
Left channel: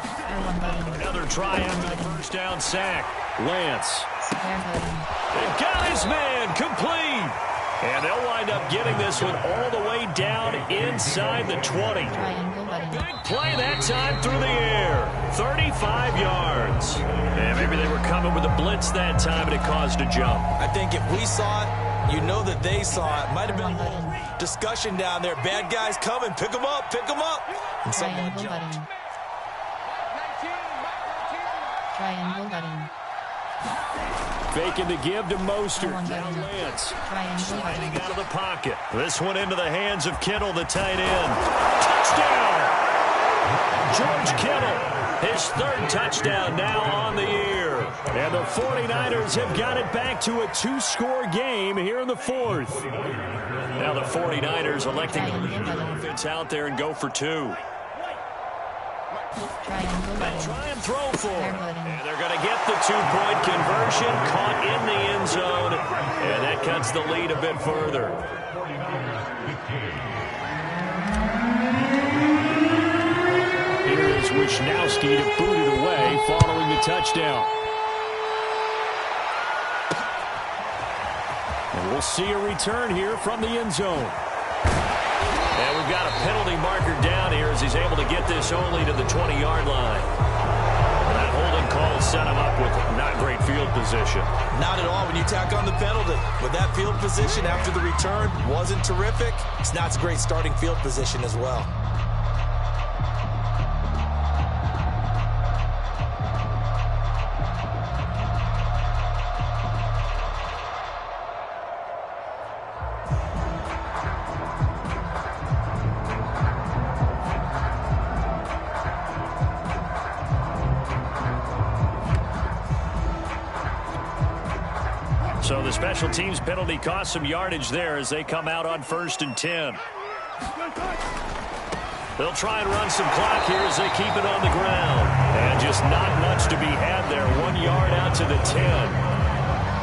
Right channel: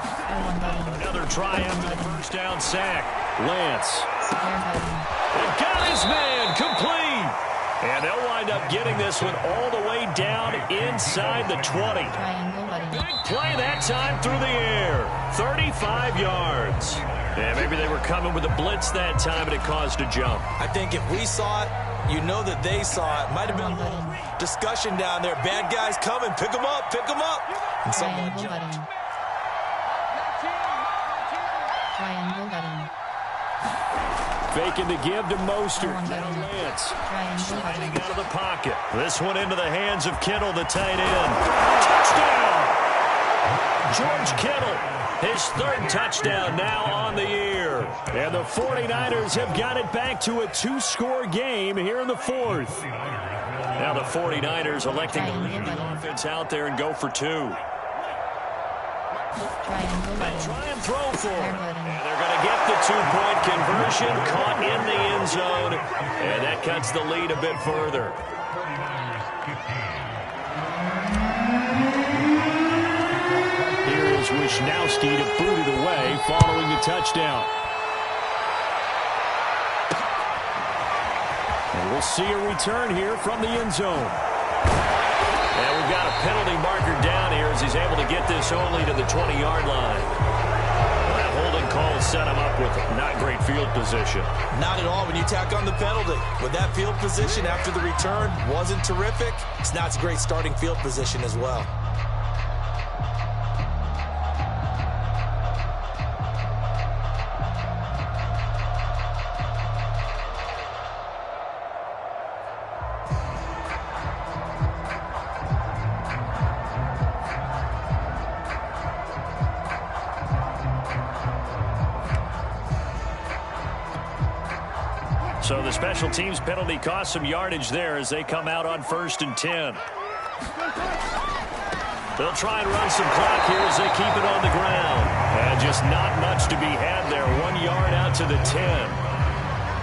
Another try after the first down sack. Lance. They've got his man complete. And they'll wind up getting this one all the way down inside the 20. Big play that time through the air. 35 yards. And maybe they were coming with a blitz that time and it caused a jump. I think if we saw it, you know that they saw it. Might have been a little discussion down there. Bad guys coming. Pick them up. Pick them up. And someone jumped. Triangle button. Faking the give to Mostert. Now Lance. Sliding out of the pocket. This one into the hands of Kittle, the tight end. Touchdown! George Kittle. His 3rd touchdown now on the year. And the 49ers have got it back to a 2-score game here in the 4th. Now the 49ers electing to lead the offense out there and go for 2. They try and throw for it. And they're going to get the 2-point conversion, caught in the end zone. And that cuts the lead a bit further. Here is Wisnowski to boot it away following the touchdown. And we'll see a return here from the end zone. And we've got a penalty marker down here as he's able to get this only to the 20-yard line. Well, that holding call set him up with not great field position. Not at all when you tack on the penalty. With that field position after the return wasn't terrific. It's not a great starting field position as well. So the special teams penalty cost some yardage there as they come out on 1st and 10. They'll try and run some clock here as they keep it on the ground. And just not much to be had there. 1 yard out to the 10.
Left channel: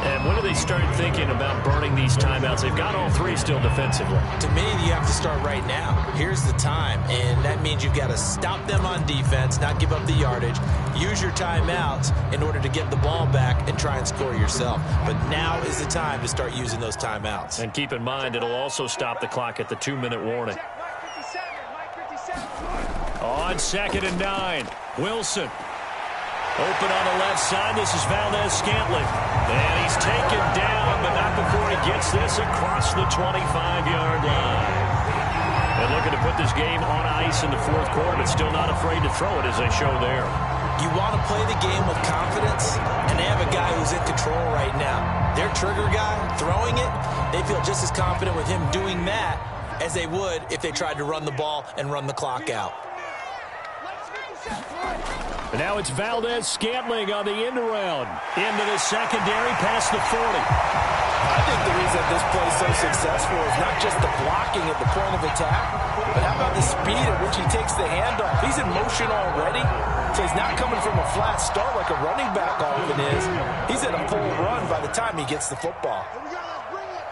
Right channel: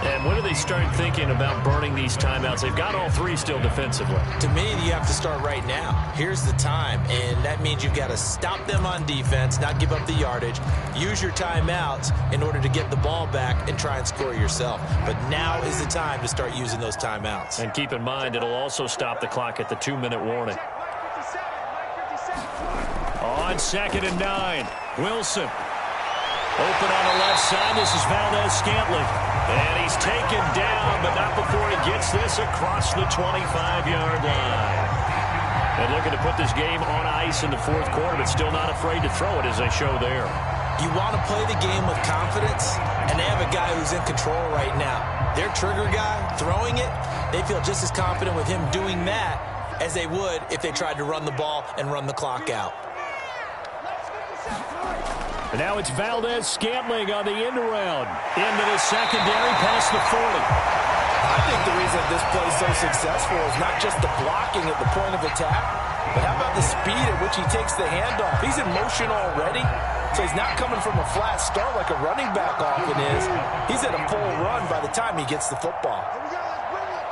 And when do they start thinking about burning these timeouts? They've got all 3 still defensively. To me, you have to start right now. Here's the time, and that means you've got to stop them on defense, not give up the yardage, use your timeouts in order to get the ball back and try and score yourself. But now is the time to start using those timeouts. And keep in mind, it'll also stop the clock at the 2-minute warning. On 2nd and 9, Wilson. Open on the left side. This is Valdez-Scantling. And he's taken down, but not before he gets this across the 25-yard line. And looking to put this game on ice in the 4th quarter, but still not afraid to throw it as they show there. You want to play the game with confidence, and they have a guy who's in control right now. Their trigger guy, throwing it, they feel just as confident with him doing that as they would if they tried to run the ball and run the clock out. And now it's Valdez-Scantling on the end around. Into the secondary, past the 40. I think the reason this play is so successful is not just the blocking at the point of attack, but how about the speed at which he takes the handoff? He's in motion already, so he's not coming from a flat start like a running back often is. He's at a full run by the time he gets the football. Here we go, let's bring it.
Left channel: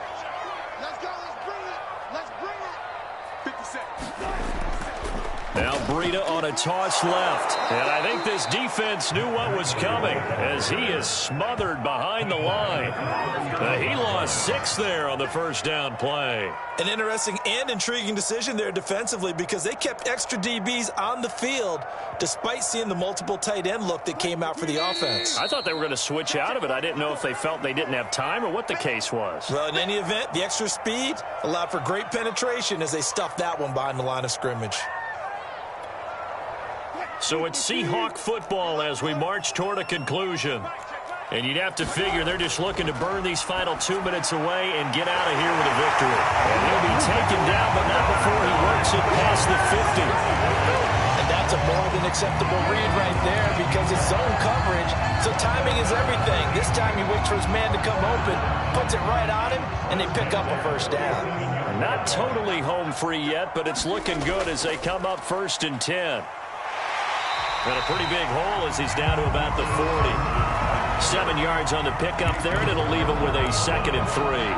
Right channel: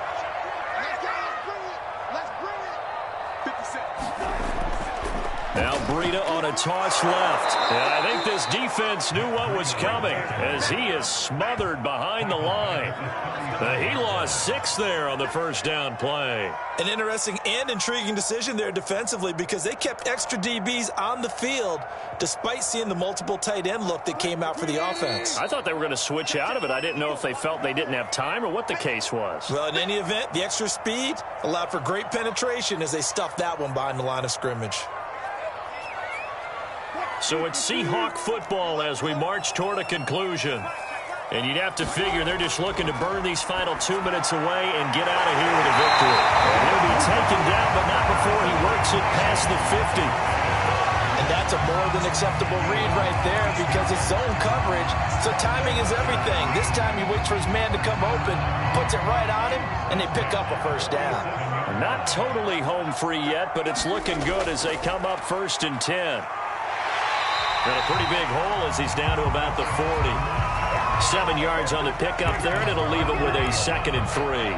Let's go, let's bring it. Let's bring it. 50 seconds. Now Breida on a toss left. And I think this defense knew what was coming as he is smothered behind the line. He lost 6 there on the first down play. An interesting and intriguing decision there defensively because they kept extra DBs on the field despite seeing the multiple tight end look that came out for the offense. I thought they were going to switch out of it. I didn't know if they felt they didn't have time or what the case was. Well, in any event, the extra speed allowed for great penetration as they stuffed that one behind the line of scrimmage. So it's Seahawk football as we march toward a conclusion. And you'd have to figure they're just looking to burn these final 2 minutes away and get out of here with a victory. And he'll be taken down, but not before he works it past the 50. And that's a more than acceptable read right there because it's zone coverage, so timing is everything. This time he waits for his man to come open, puts it right on him, and they pick up a first down. Not totally home free yet, but it's looking good as they come up 1st and 10. Got a pretty big hole as he's down to about the 40. 7 yards on the pickup there, and it'll leave him with a 2nd and 3.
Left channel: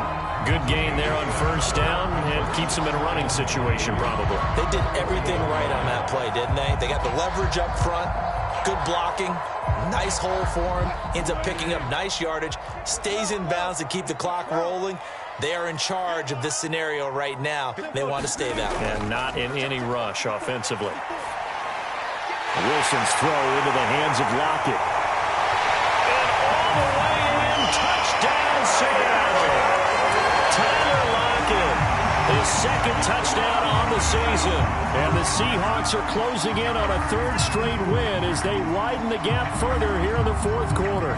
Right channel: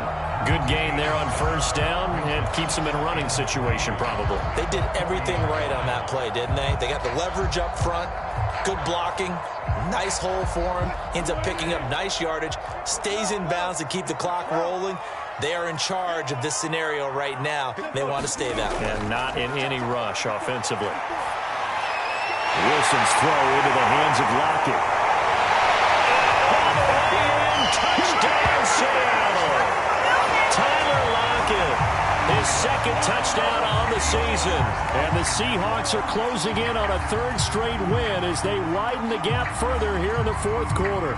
Good gain there on first down and keeps him in a running situation probably. They did everything right on that play, didn't they? They got the leverage up front, good blocking, nice hole for him, ends up picking up nice yardage, stays in bounds to keep the clock rolling. They are in charge of this scenario right now. They want to stay that way. And not in any rush offensively. Wilson's throw into the hands of Lockett. And all the way in, touchdown Seattle. Tyler Lockett, his 2nd touchdown on the season. And the Seahawks are closing in on a 3rd straight win as they widen the gap further here in the 4th quarter.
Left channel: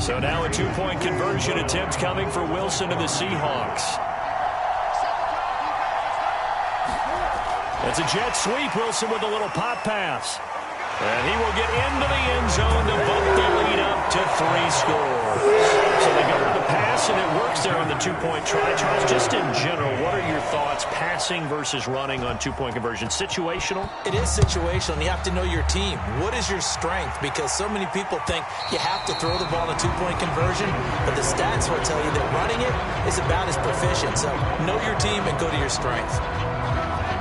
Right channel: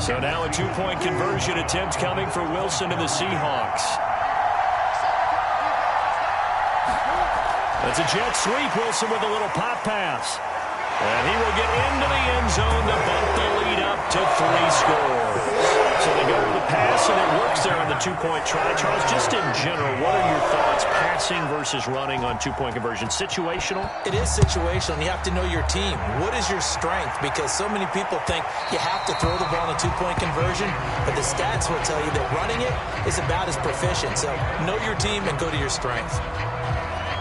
So now a 2-point conversion attempt coming for Wilson and the Seahawks. That's a jet sweep. Wilson with a little pop pass. And he will get into the end zone to bump the lead up to 3 scores. So they go with the pass, and it works there on the 2-point try. Charles, just in general, what are your thoughts passing versus running on 2-point conversion? Situational? It is situational, and you have to know your team. What is your strength? Because so many people think you have to throw the ball in a 2-point conversion, but the stats will tell you that running it is about as proficient. So know your team and go to your strength.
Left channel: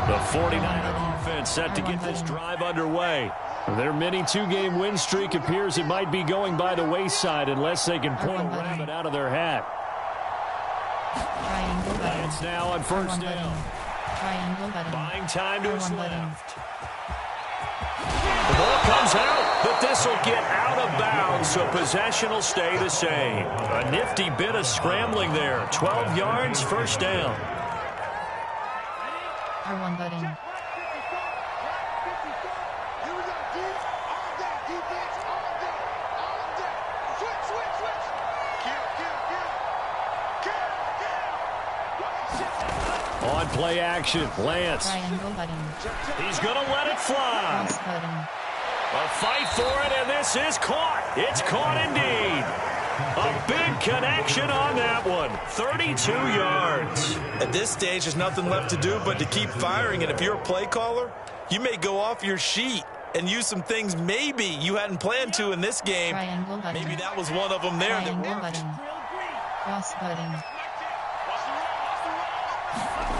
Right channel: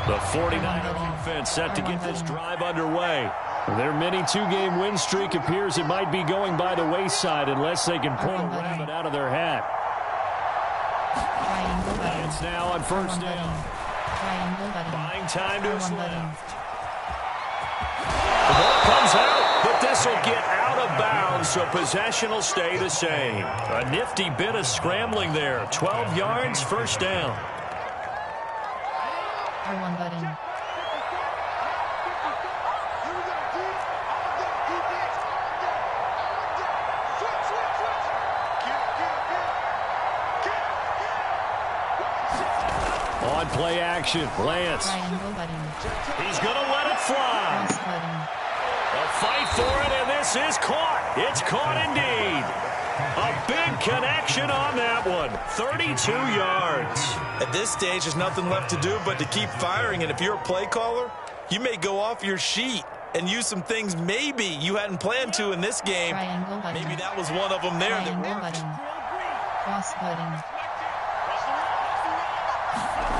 The 49er offense set to get this drive underway. Their mini 2-game win streak appears it might be going by the wayside unless they can pull a rabbit out of their hat. It's now on first down. Buying time to his left. The ball comes out, but this will get out of bounds, so possession will stay the same. A nifty bit of scrambling there. 12 yards, first down. R1 button. On play action, Lance. He's going to let it fly. A fight for it, and this is caught. It's caught indeed. A big connection on that one. 32 yards. At this stage, there's nothing left to do but to keep firing. And if you're a play caller, you may go off your sheet and use some things maybe you hadn't planned to in this game. Maybe that was one of them there that worked. Cross button.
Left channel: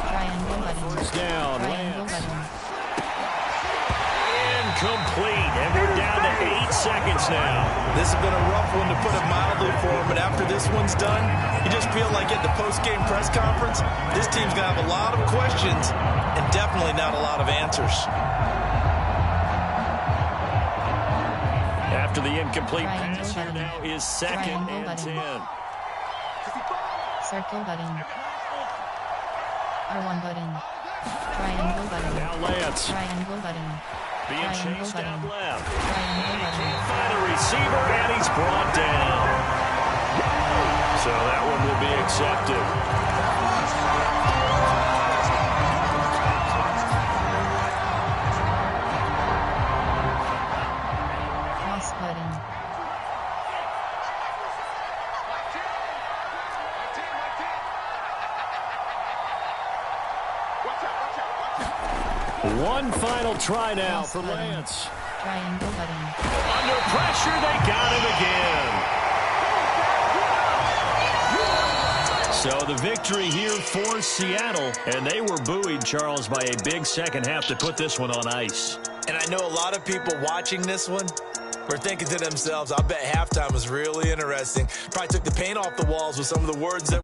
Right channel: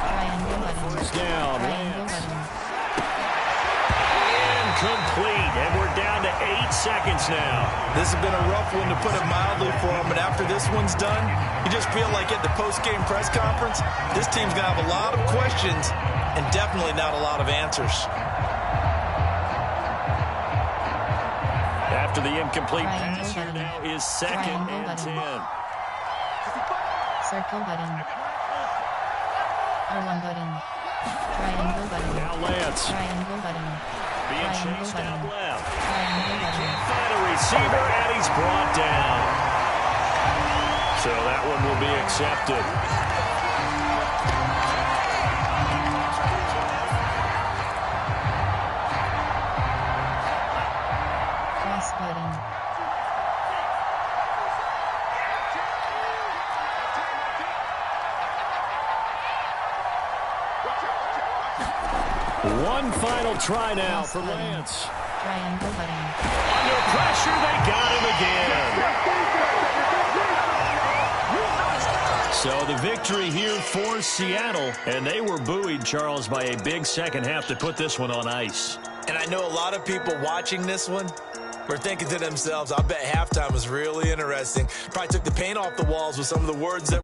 Triangle button. First down. Triangle button. Incomplete, and we're down to 8 seconds now. This has been a rough one, to put it mildly, for him, but after this one's done, you just feel like at the post-game press conference, this team's going to have a lot of questions and definitely not a lot of answers. After the incomplete Triangle pass here button. now is second Triangle and button. 10. Circle button. R1 button. Triangle button. Now Lance Triangle button. being Triangle chased button. out left. Triangle button. Can't find a receiver, and he's brought down. So that one will be accepted. Cross button. One final try now Cross for button. Lance. Triangle button. Under pressure, they got him again. So the victory here for Seattle, and they were buoyed, Charles, by a big second half to put this one on ice. And I know a lot of people watching this one were thinking to themselves, I bet halftime was really interesting. Probably took the paint off the walls with some of the words that